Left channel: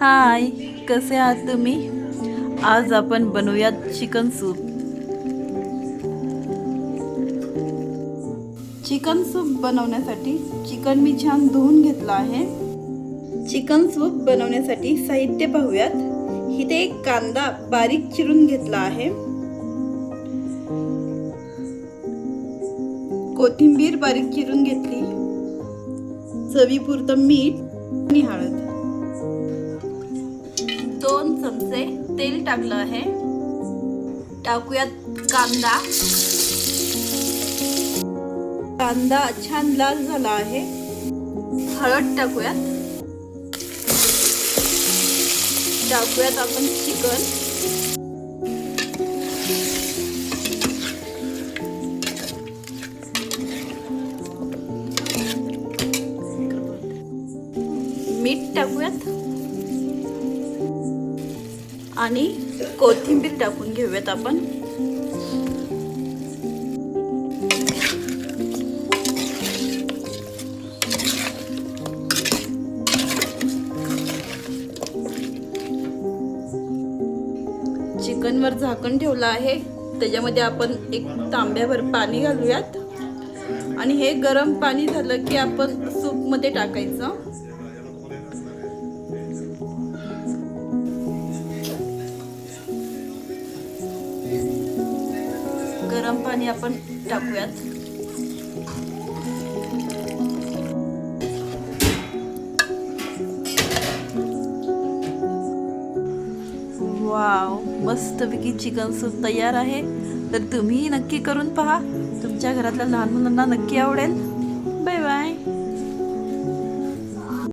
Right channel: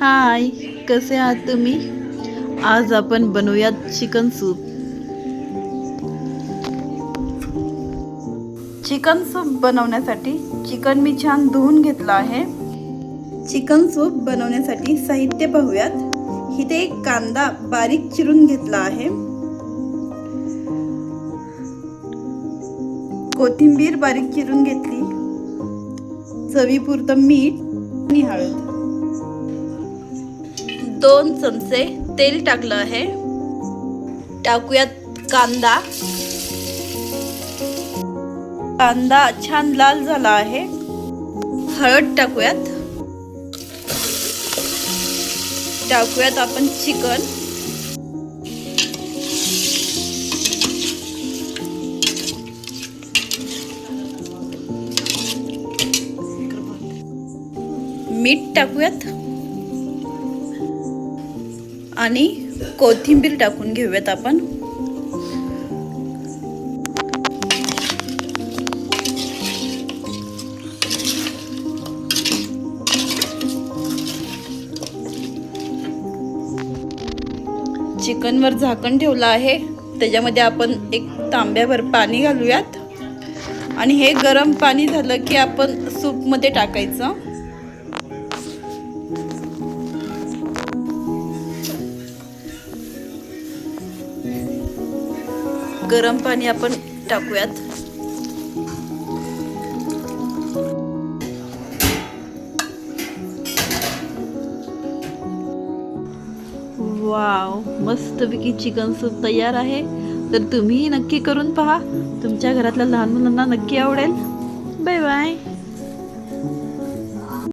हाय कसे आहात तुम्ही? आज आपण बनवूयात चिकन सूप. चिकन सूप बनवण्यासाठी चिकन मी छान धुवून घेतलं आहे. चिकन सूप बनवण्यासाठी साहित्य पाहूयात. इथे एक कांदा बारीक चिरून घेतला आहे. कोथिंबीर बारीक चिरून घेतली. चवीपुरतं मीठ आणि हळद. दोन चमचे तेल टाकलं आहे. टाकूयात कांदा. कांदा छान लाल झाला आहे. हळद टाकूयात. टाकूयात आपण चिकन. मीठ टाकूयात. आणि कोथिंबीर टाकून घेऊयात आपण. चिकनवर झाकण ठेवलं आहे. त्याच्यामध्ये आपण एक तांब्याभर पाणी घालूयात. आणि हे गरम पाणी झालं की आपण सूपमध्ये टाकायचं. गरम पाणी आपण टाकूयात. वाव मस्तपैकी चिकन सूप तयार आहे. तर तुम्हीही नक्की करून पहा. तुमच्या घरातल्या लहान मुलांना नक्की आवडेल. Bye bye